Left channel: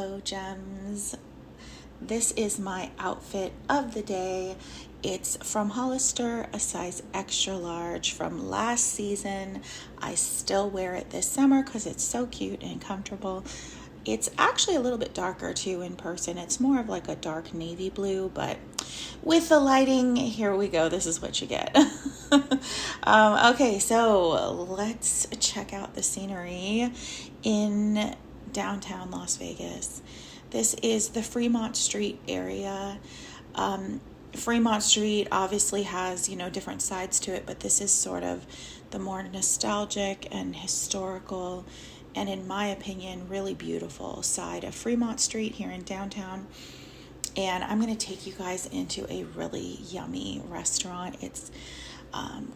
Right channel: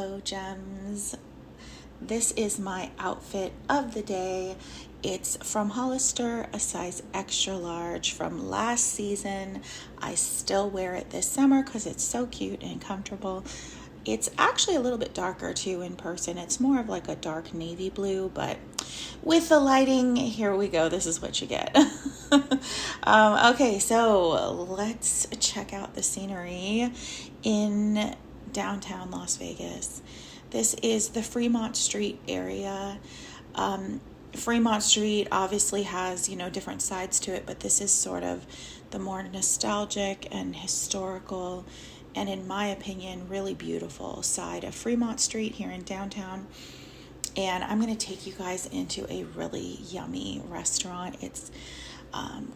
Hello, gems. This is my outfit of the day. It's from Hollister, a size extra large from last season. I still wear it this summer because it's so cute and comfortable. It's actually a little bit darker too in person. It's more of like a dark navy blue, but with the lighting, here we go. This is what you get. Okay, so let's check out the scenery in downtown Las Vegas. This is the Fremont Street area. Fremont Street obviously has, different sides to it, but this is sort of the more nostalgic and historical, and in my opinion, really beautiful side of Fremont Street here in downtown. And I'm going to take you guys into a really yummy restaurant. It's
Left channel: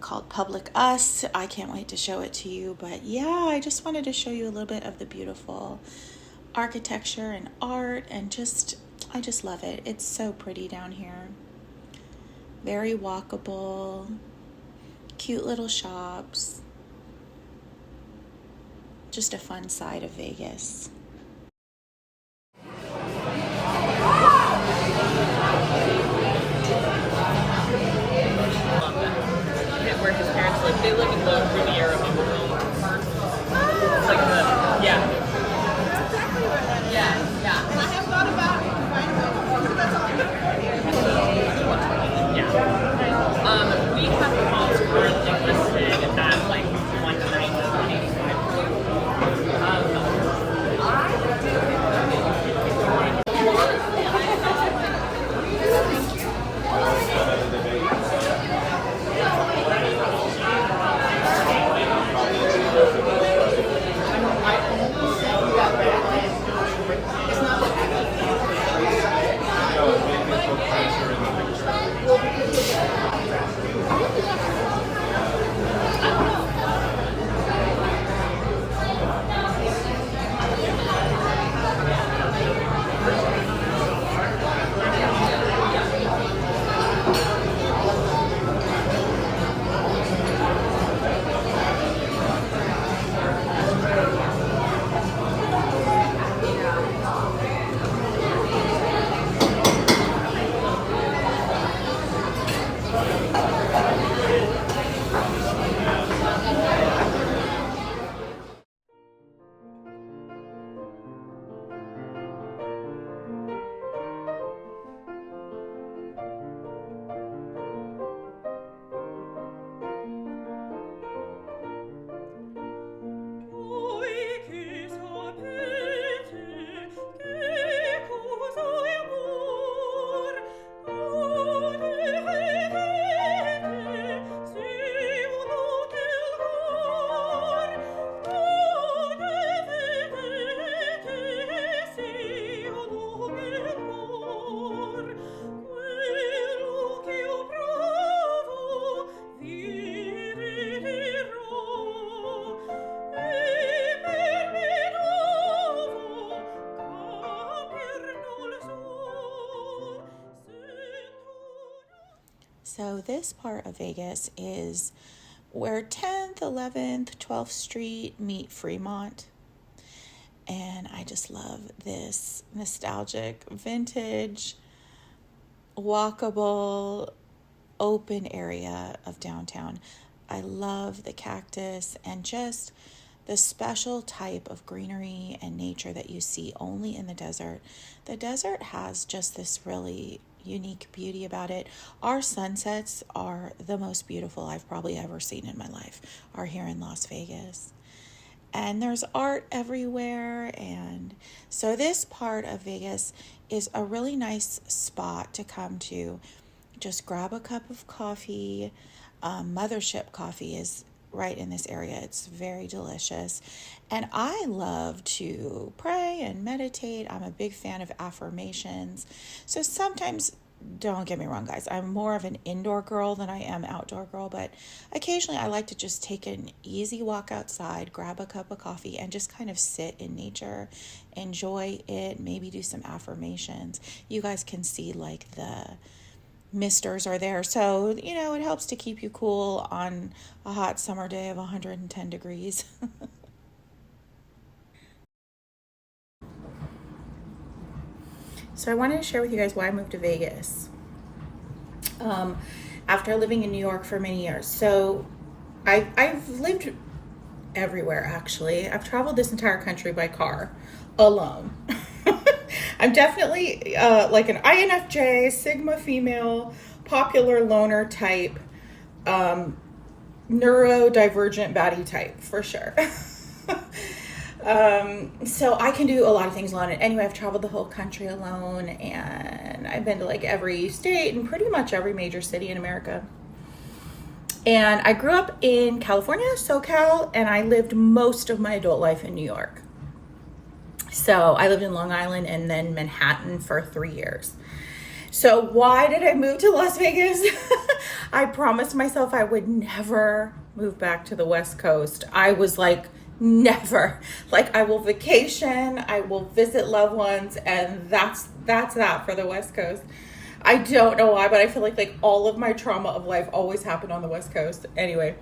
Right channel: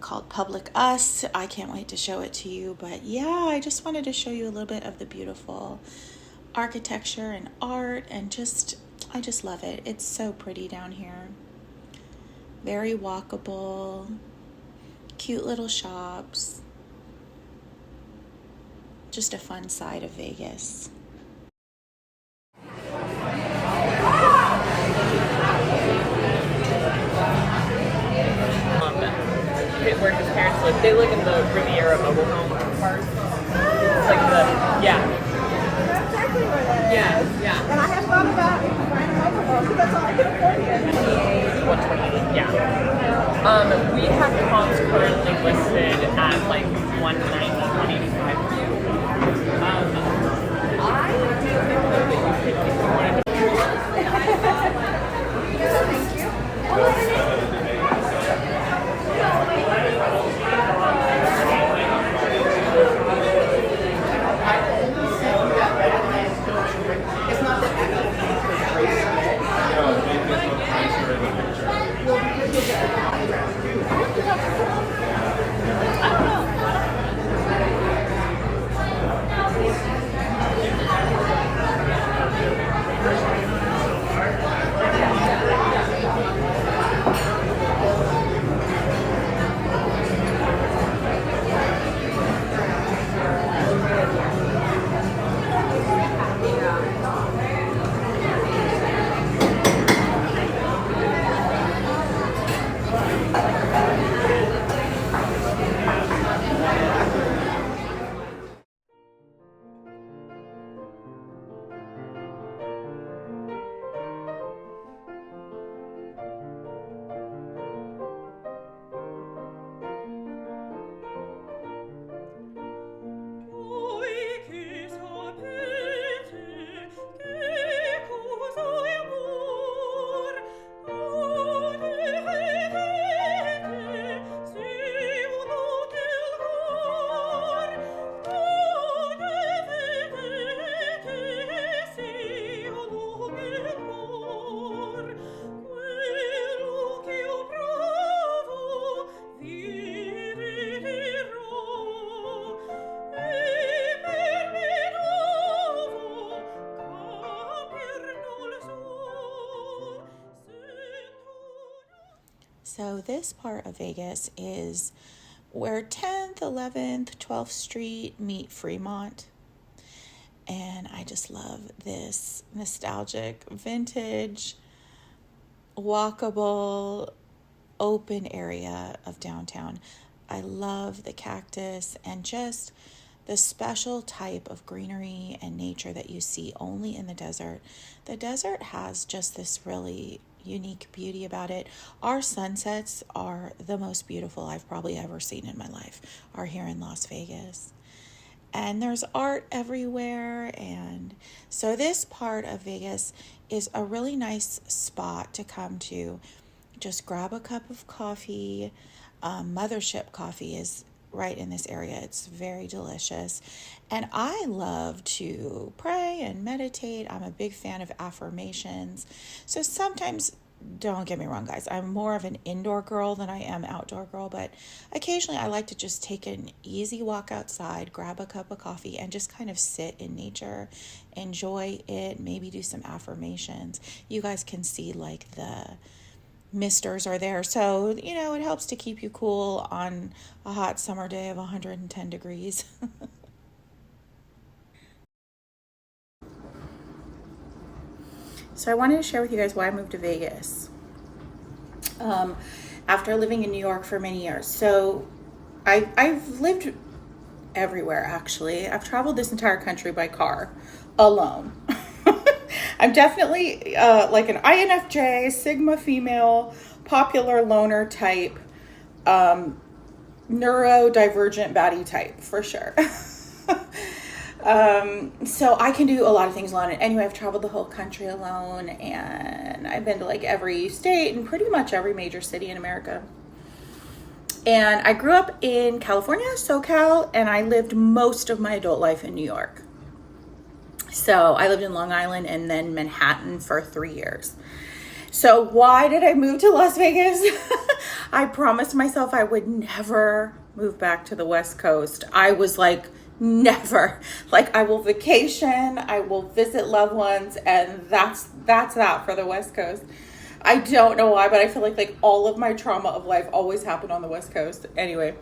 called Public Us. I can't wait to show it to you. But yeah, I just wanted to show you a little bit of the beautiful architecture and art, and I just love it. It's so pretty down here. Very walkable, cute little shops. Just a fun side of Vegas. Where his parents live. They live in the Riviera Overlook part. It's like yeah. And I have thought about we have funds currently listed at like 120. So this part of Vegas is where 10th, 11th, 12th Street meet Fremont. And I just love this nostalgic, vintage, walkable, open area of downtown. I love the cactus and just the special type of greenery and nature that you see only in the desert. The desert has just this really unique beauty about it. Our sunsets are the most beautiful I've probably ever seen in my life, are here in Las Vegas. And there's art everywhere. And so this part of Vegas is a really nice spot to come to. Just grab a cup of coffee. Mothership Coffee is right in this area. It's very delicious. And I love to pray and meditate. I'm a big fan of affirmations. So sometimes, don't get me wrong, guys, I'm more of an indoor girl than I am outdoor girl, but occasionally I like to just take an easy walk outside, grab a cup of coffee, and just kind of sit in nature, enjoy it, maybe do some affirmations. You guys can see like the misters are there, so it helps to keep you cool on a hot summer day of 110 degrees. So I wanted to share with you guys why I moved to Vegas after living in New York for many years. So I've lived everywhere, actually. I've traveled this entire country by car alone. I'm definitely like an INFJ, Sigma female, popular loner type, neurodivergent baddie type for sure. So I can do a lot of things alone. And anyway, I've traveled the whole country alone, and I've been to like every state and pretty much every major city in America. And I grew up in California, SoCal, and I lived most of my adult life in New York. So I lived in Long Island and then Manhattan for 3 years. So why did I move to Las Vegas? I promised myself I would never move back to the West Coast. I was like, never. Like, I will vacation, I will visit loved ones, and that's that for the West Coast. I don't know why, but I feel like all of my trauma of life always happened on the West Coast. Anyway,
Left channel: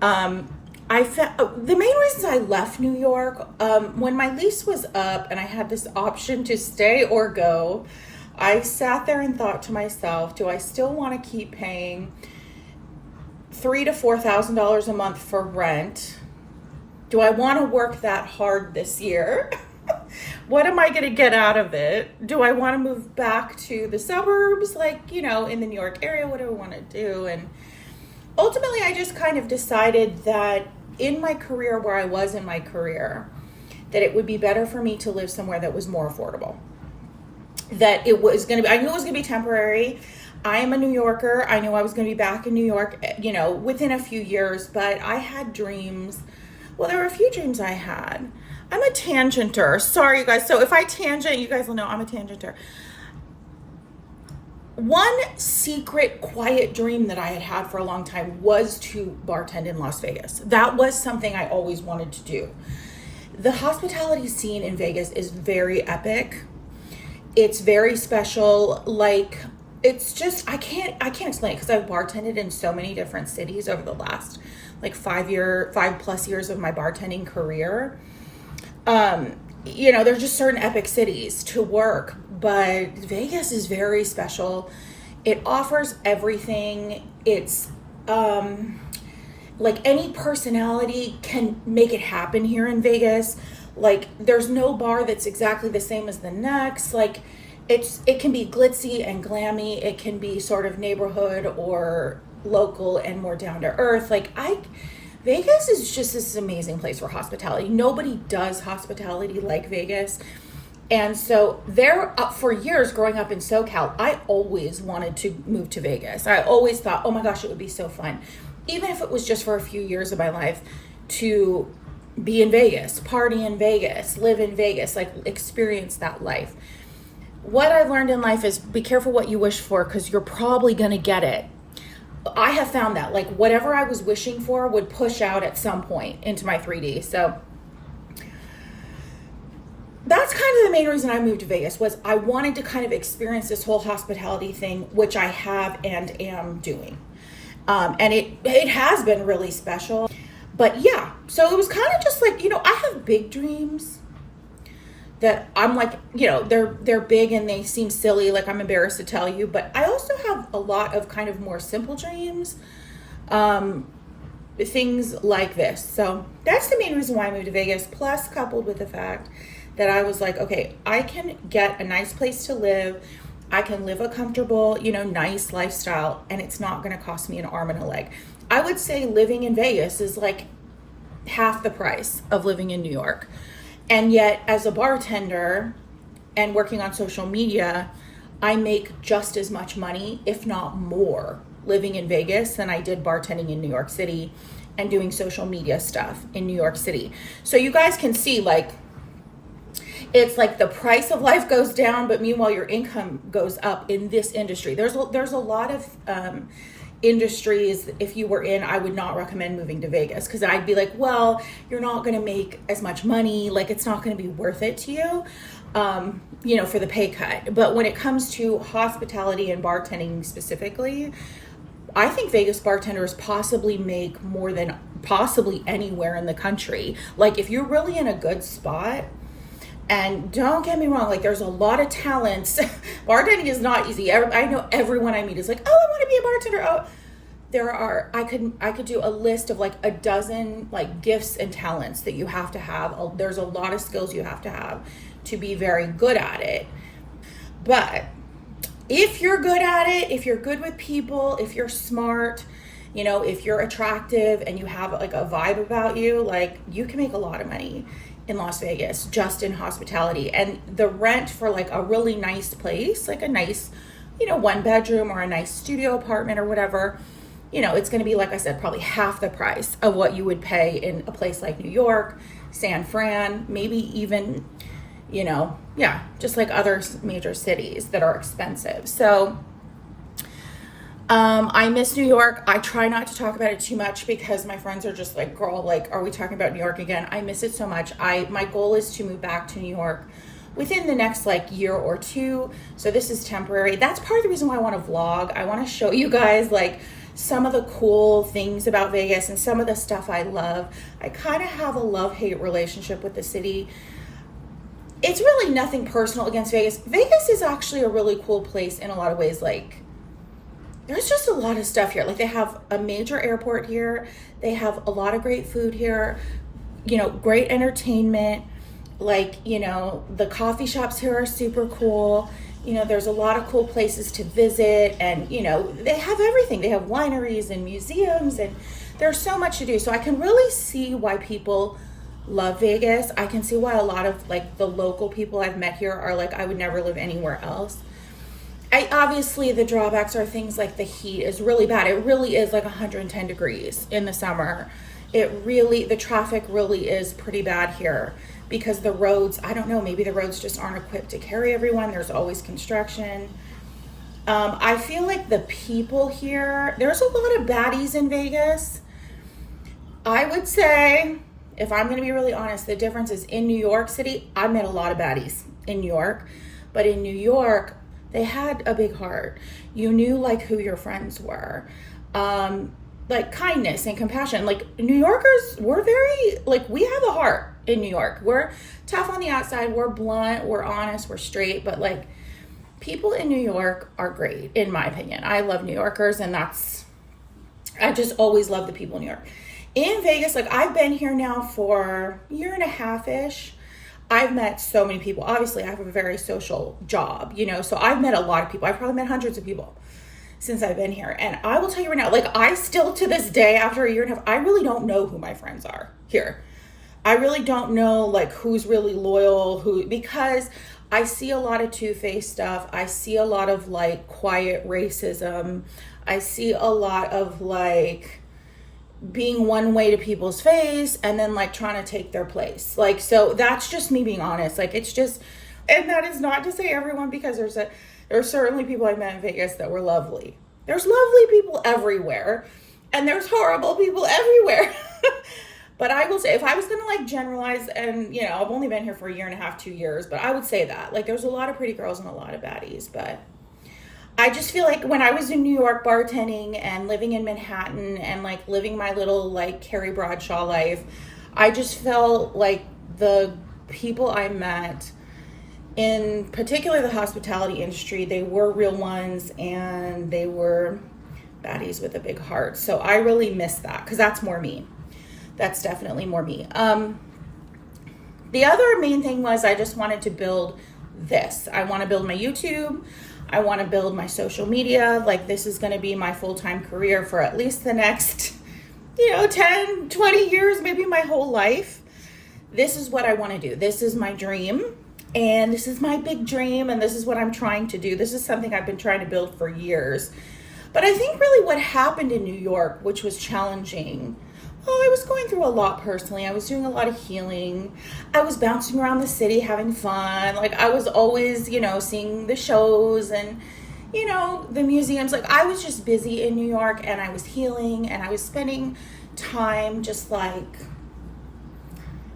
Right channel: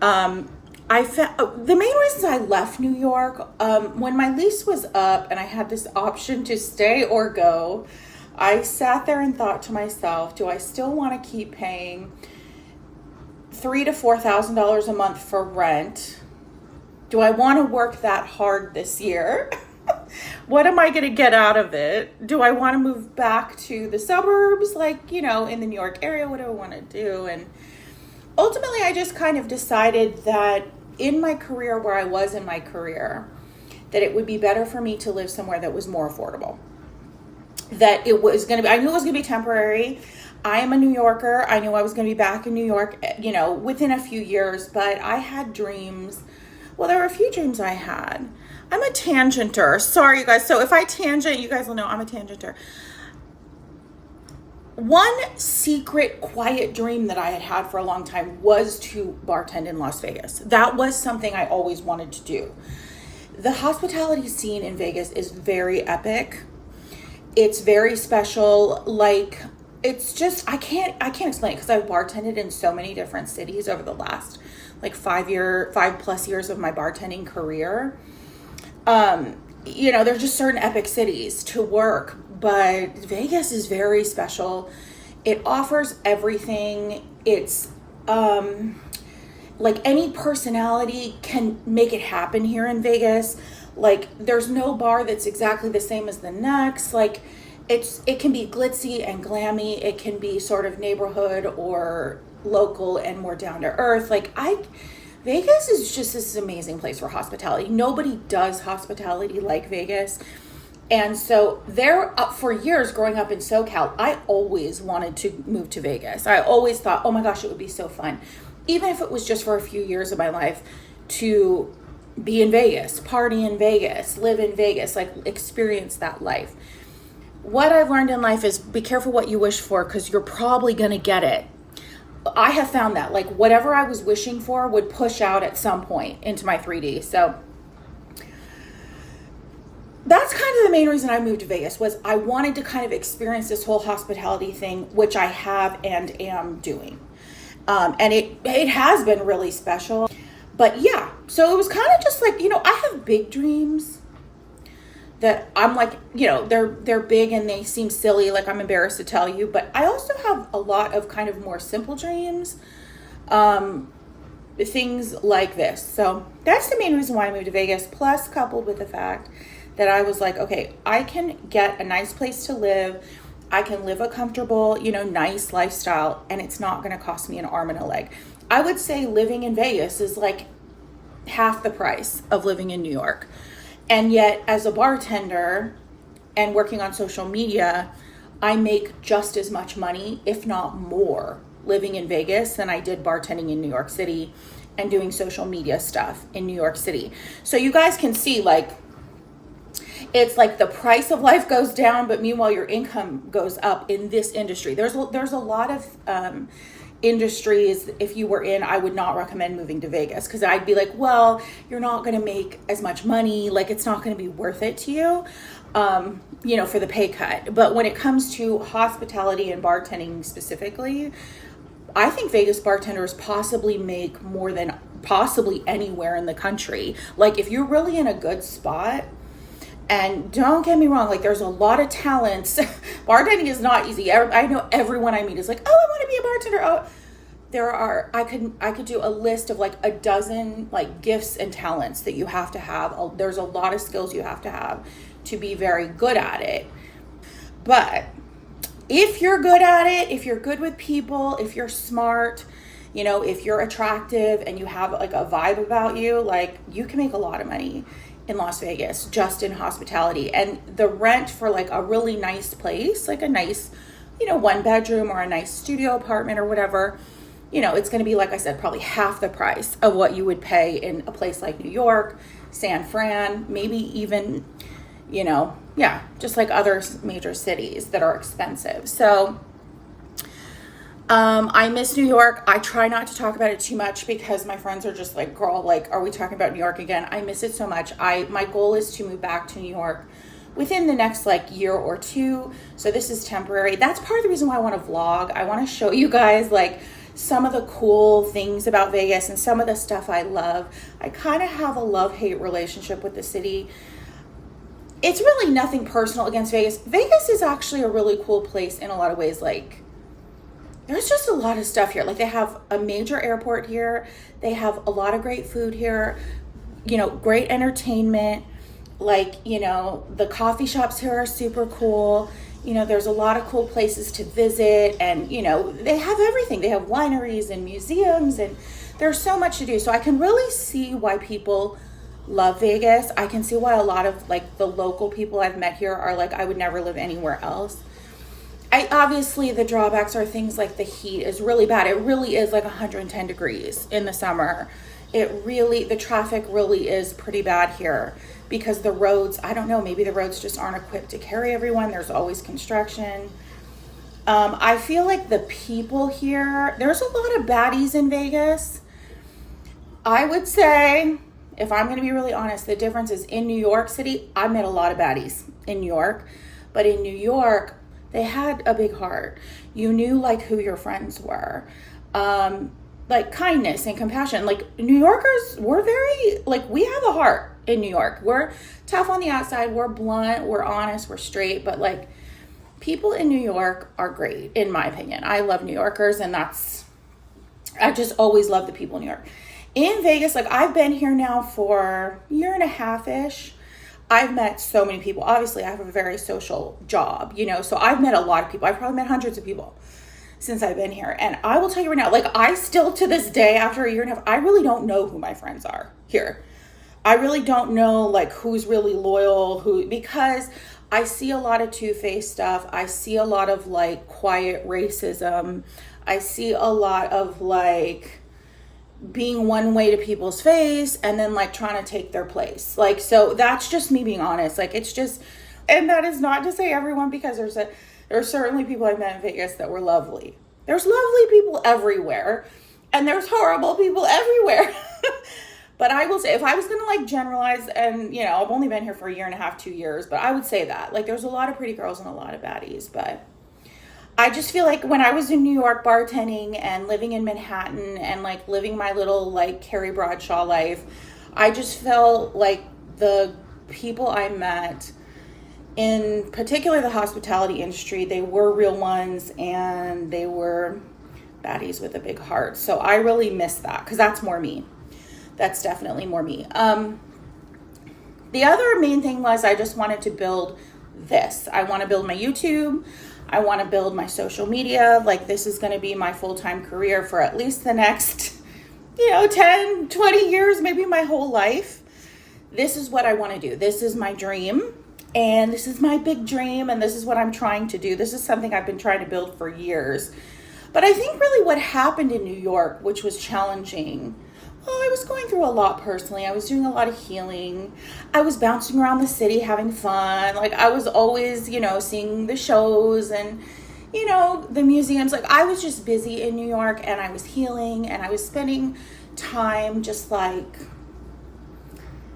I found the main reasons I left New York, when my lease was up and I had this option to stay or go, I sat there and thought to myself, do I still want to keep paying $3,000 to $4,000 a month for rent? Do I want to work that hard this year? What am I going to get out of it? Do I want to move back to the suburbs, like, in the New York area? What do I want to do? And ultimately, I just kind of decided that in my career, where I was in my career, that it would be better for me to live somewhere that was more affordable. That it was going to be, I knew it was going to be temporary. I am a New Yorker. I knew I was going to be back in New York, within a few years, but I had dreams. Well, there were a few dreams I had. I'm a tangenter. Sorry, you guys. So if I tangent, you guys will know I'm a tangenter. One secret, quiet dream that I had had for a long time was to bartend in Las Vegas. That was something I always wanted to do. The hospitality scene in Vegas is very epic. It's very special. Like, it's just, I can't explain it because I've bartended in so many different cities over the last 5+ years of my bartending career. There's just certain epic cities to work, but Vegas is very special. It offers everything. It's, like, any personality can make it happen here in Vegas. Like, there's no bar that's exactly the same as the next. Like, it can be glitzy and glammy. It can be sort of neighborhood or local and more down to earth. Vegas is just this amazing place for hospitality. Nobody does hospitality like Vegas. And so for years growing up in SoCal, I always wanted to move to Vegas. I always thought, oh my gosh, it would be so fun. Even if it was just for a few years of my life, to be in Vegas, party in Vegas, live in Vegas, experience that life. What I've learned in life is be careful what you wish for, because you're probably going to get it. I have found that whatever I was wishing for would push out at some point into my 3D. So that's kind of the main reason I moved to Vegas, was I wanted to kind of experience this whole hospitality thing, which I have and am doing. And it has been really special. But yeah, so it was kind of just I have big dreams that I'm they're big and they seem silly, I'm embarrassed to tell you, but I also have a lot of kind of more simple dreams, things like this. So that's the main reason why I moved to Vegas, plus coupled with the fact that I was like, okay, I can get a nice place to live. I can live a comfortable, nice lifestyle, and it's not going to cost me an arm and a leg. I would say living in Vegas is half the price of living in New York. And yet, as a bartender and working on social media, I make just as much money, if not more, living in Vegas than I did bartending in New York City and doing social media stuff in New York City. So you guys can see, it's the price of life goes down, but meanwhile your income goes up in this industry. There's a lot of industries, if you were in, I would not recommend moving to Vegas, because I'd be like, well, you're not going to make as much money. It's not going to be worth it to you, for the pay cut. But when it comes to hospitality and bartending specifically, I think Vegas bartenders possibly make more than possibly anywhere in the country. If you're really in a good spot, And don't get me wrong, like there's a lot of talents. Bartending is not easy. I know everyone I meet is like, oh, I want to be a bartender. Oh, I could do a list of like a dozen like gifts and talents that you have to have. There's a lot of skills you have to be very good at it. But if you're good at it, if you're good with people, if you're smart, you know, if you're attractive and you have like a vibe about you, like you can make a lot of money in Las Vegas just in hospitality. And the rent for like a really nice place, like a nice, you know, 1 bedroom or a nice studio apartment or whatever, you know, it's going to be, like I said, probably half the price of what you would pay in a place like New York, San Fran, maybe even, you know, yeah, just like other major cities that are expensive. So I miss New York. I try not to talk about it too much because my friends are just like, girl, like, are we talking about New York again? I miss it so much. My goal is to move back to New York within the next like year or two. So this is temporary. That's part of the reason why I want to vlog. I want to show you guys like some of the cool things about Vegas and some of the stuff I love. I kind of have a love-hate relationship with the city. It's really nothing personal against Vegas. Vegas is actually a really cool place in a lot of ways. Like, there's just a lot of stuff here. Like, they have a major airport here. They have a lot of great food here. You know, great entertainment. Like, you know, the coffee shops here are super cool. You know, there's a lot of cool places to visit. And, you know, they have everything. They have wineries and museums. And there's so much to do. So I can really see why people love Vegas. I can see why a lot of, like, the local people I've met here are like, I would never live anywhere else. Obviously the drawbacks are things like the heat is really bad. It really is like 110 degrees in the summer. The traffic really is pretty bad here because the roads, I don't know, maybe the roads just aren't equipped to carry everyone. There's always construction. I feel like the people here, there's a lot of baddies in Vegas. I would say, if I'm going to be really honest, the difference is in New York City, I met a lot of baddies in New York, but in New York, they had a big heart. You knew like who your friends were. Like kindness and compassion. Like New Yorkers, we're very, like we have a heart in New York. We're tough on the outside. We're blunt. We're honest. We're straight. But like people in New York are great, in my opinion. I love New Yorkers and I just always love the people in New York. In Vegas, like I've been here now for a year and a half-ish. I've met so many people. Obviously, I have a very social job, you know, so I've met a lot of people. I've probably met hundreds of people since I've been here. And I will tell you right now, like I still to this day, after a year and a half, I really don't know who my friends are here. I really don't know like who's really loyal, because I see a lot of two-faced stuff. I see a lot of like quiet racism. I see a lot of like being one way to people's face and then like trying to take their place. Like, so that's just me being honest. Like, it's just, and that is not to say everyone, because there's certainly people I met in Vegas that were lovely. There's lovely people everywhere and there's horrible people everywhere. But I will say, if I was going to like generalize, and you know, I've only been here for a year and a half, 2 years, but I would say that like there's a lot of pretty girls and a lot of baddies. But I just feel like when I was in New York bartending and living in Manhattan and like living my little like Carrie Bradshaw life, I just felt like the people I met, in particular the hospitality industry, they were real ones and they were baddies with a big heart. So I really miss that because that's more me. That's definitely more me. The other main thing was I just wanted to build this. I want to build my YouTube. I want to build my social media. Like this is going to be my full-time career for at least the next, 10, 20 years, maybe my whole life. This is what I want to do. This is my dream. And this is my big dream. And this is what I'm trying to do. This is something I've been trying to build for years. But I think really what happened in New York, which was challenging, I was going through a lot personally. I was doing a lot of healing. I was bouncing around the city having fun. Like I was always, seeing the shows and, the museums. Like I was just busy in New York and I was healing and I was spending time just like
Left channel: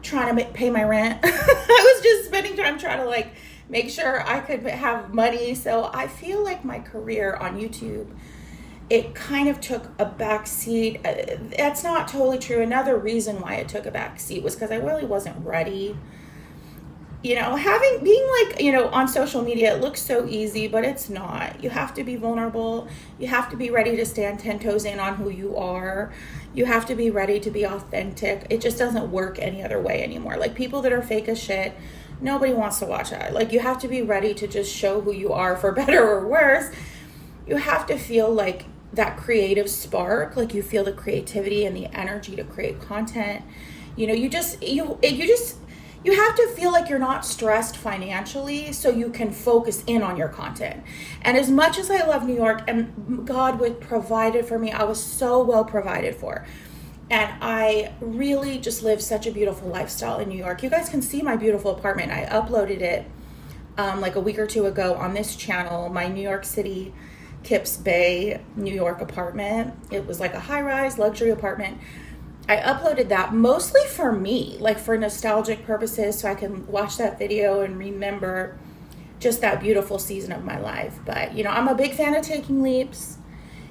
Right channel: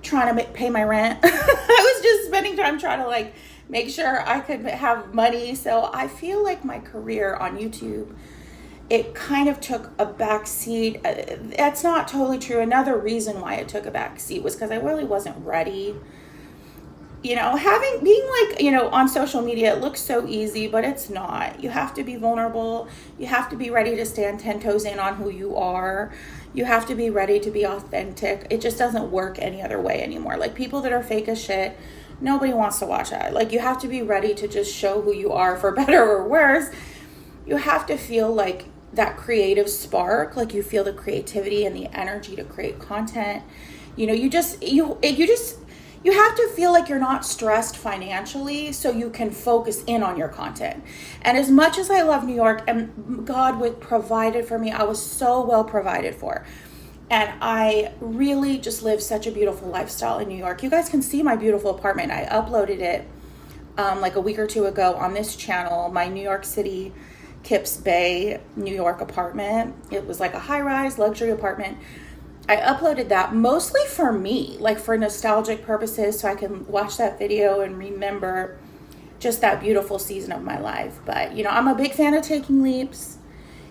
trying to pay my rent. I was just spending time trying to like make sure I could have money. So I feel like my career on YouTube, it kind of took a back seat. That's not totally true. Another reason why it took a back seat was because I really wasn't ready. being like, on social media, it looks so easy, but it's not. You have to be vulnerable. You have to be ready to stand 10 toes in on who you are. You have to be ready to be authentic. It just doesn't work any other way anymore. Like, people that are fake as shit, nobody wants to watch that. Like, you have to be ready to just show who you are, for better or worse. You have to feel like that creative spark, like you feel the creativity and the energy to create content. You have to feel like you're not stressed financially, so you can focus in on your content. And as much as I love New York, and God would provided for me, I was so well provided for. And I really just live such a beautiful lifestyle in New York. You guys can see my beautiful apartment. I uploaded it like a week or two ago on this channel, my New York City, Kips Bay, New York apartment. It was like a high-rise luxury apartment. I uploaded that mostly for me, like for nostalgic purposes, so I can watch that video and remember just that beautiful season of my life. But, I'm a big fan of taking leaps.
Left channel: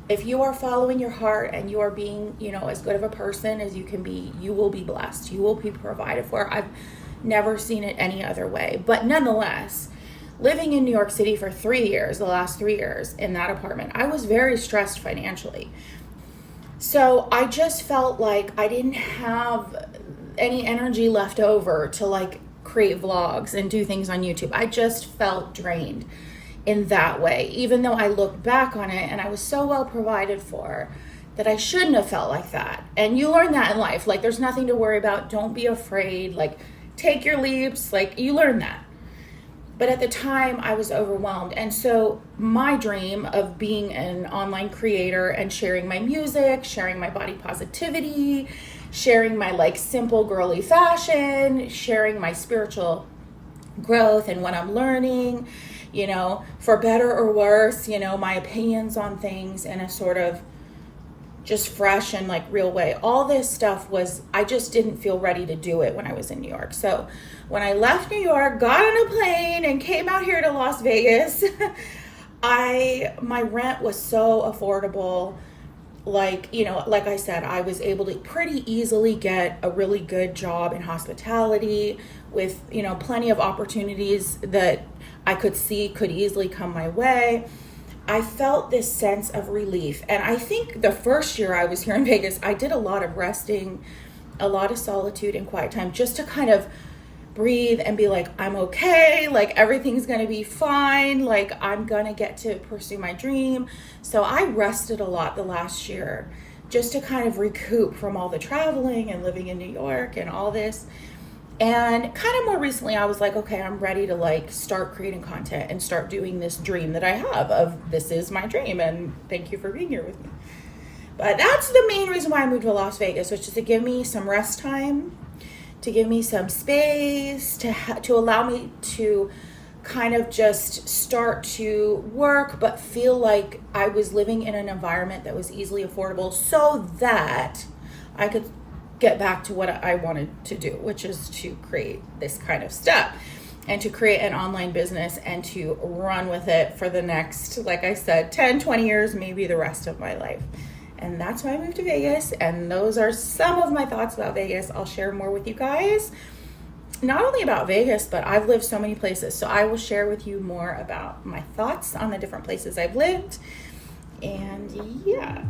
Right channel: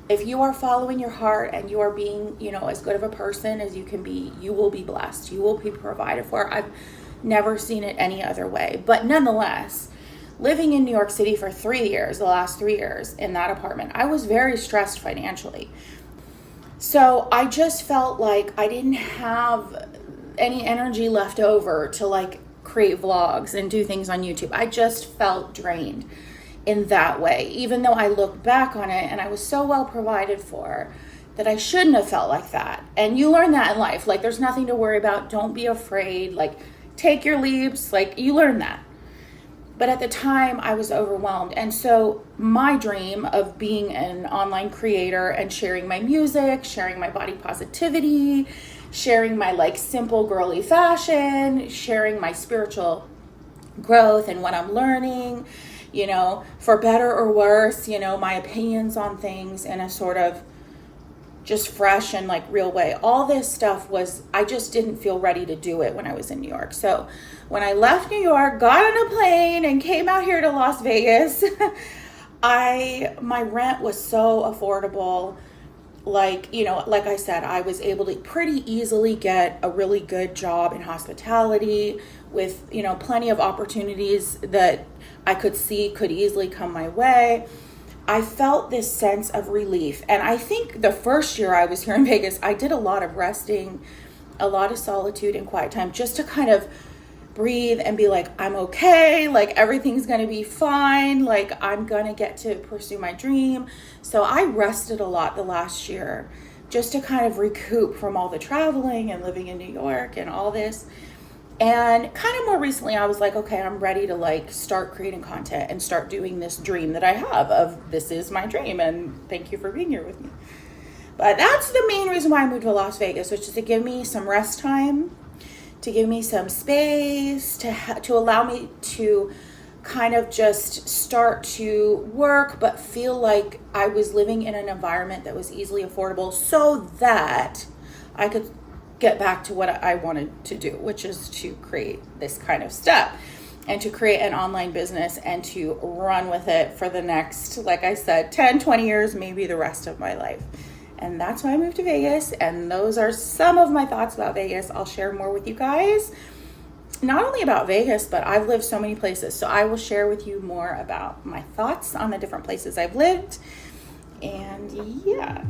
If you are following your heart and you are being, as good of a person as you can be, you will be blessed. You will be provided for. I've never seen it any other way. But nonetheless, living in New York City for 3 years, the last 3 years in that apartment, I was very stressed financially. So I just felt like I didn't have any energy left over to like create vlogs and do things on YouTube. I just felt drained in that way, even though I look back on it and I was so well provided for that I shouldn't have felt like that. And you learn that in life. Like, there's nothing to worry about. Don't be afraid. Like, take your leaps. Like, you learn that. But at the time, I was overwhelmed. And so my dream of being an online creator and sharing my music, sharing my body positivity, sharing my like simple girly fashion, sharing my spiritual growth and what I'm learning, for better or worse, my opinions on things in a sort of just fresh and like real way. All this stuff I just didn't feel ready to do it when I was in New York. So when I left New York, got on a plane and came out here to Las Vegas, my rent was so affordable. Like, like I said, I was able to pretty easily get a really good job in hospitality with, plenty of opportunities that I could see could easily come my way. I felt this sense of relief. And I think the first year I was here in Vegas, I did a lot of resting, a lot of solitude and quiet time, just to kind of breathe and be like, I'm okay. Like, everything's going to be fine. Like, I'm going to get to pursue my dream. So I rested a lot the last year just to kind of recoup from all the traveling and living in New York and all this. And kind of more recently, I was like, okay, I'm ready to like start creating content and start doing this dream that I have of this is my dream. And thank you for being here with me. But that's the main reason why I moved to Las Vegas, which is to give me some rest time, to give me some space, to allow me to kind of just start to work, but feel like I was living in an environment that was easily affordable so that I could get back to what I wanted to do, which is to create this kind of stuff and to create an online business and to run with it for the next, like I said, 10, 20 years, maybe the rest of my life. And that's why I moved to Vegas. And those are some of my thoughts about Vegas. I'll share more with you guys, not only about Vegas, but I've lived so many places. So I will share with you more about my thoughts on the different places I've lived. And yeah.